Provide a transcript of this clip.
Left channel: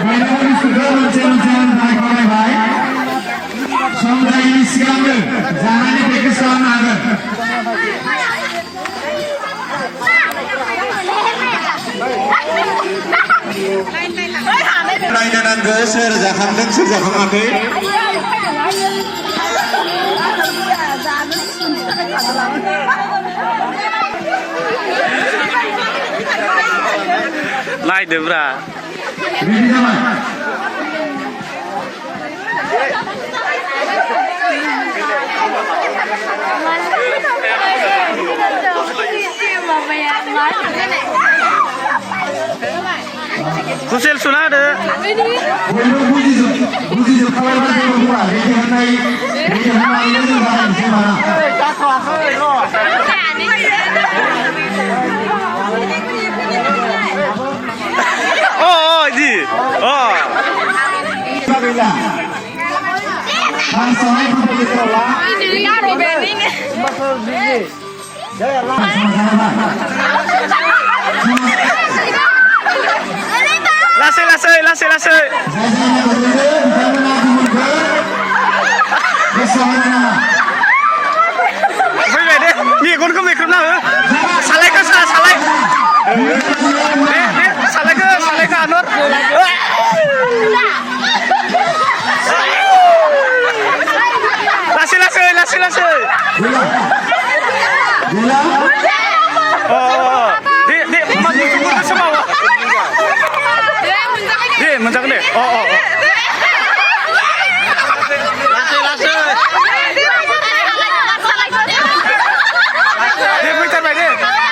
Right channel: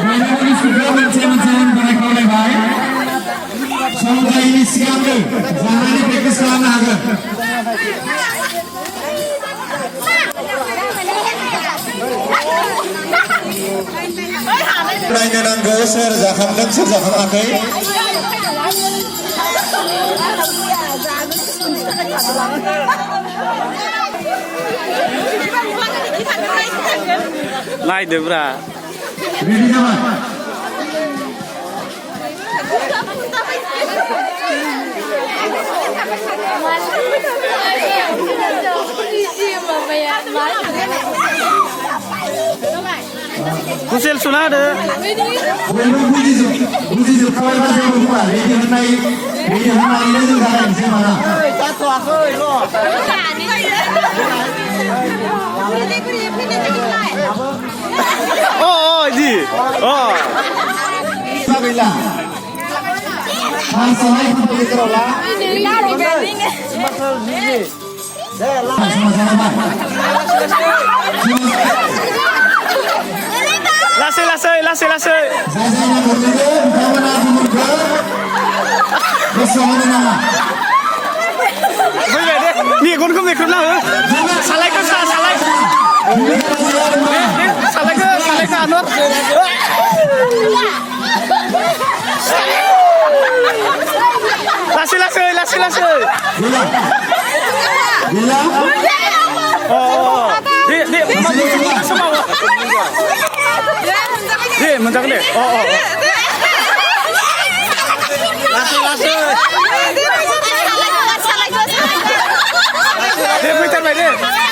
Ini sudah macam-macam baik. Semoga ini siapa? Jangan dipikir selama ada. Rakyat angga serjakan. Naik deh, bra. Ready sama? Kusel सुना दे बुझी जो पोल का जो हुआ लेकिन हमारी नहीं रहा है हमारा oh जी oh lasai bây giờ đi nghỉ con không việc không nào salai ke salai đi salai ke anur lasai gula oh di masuk semua di menjak deh oh di putar deh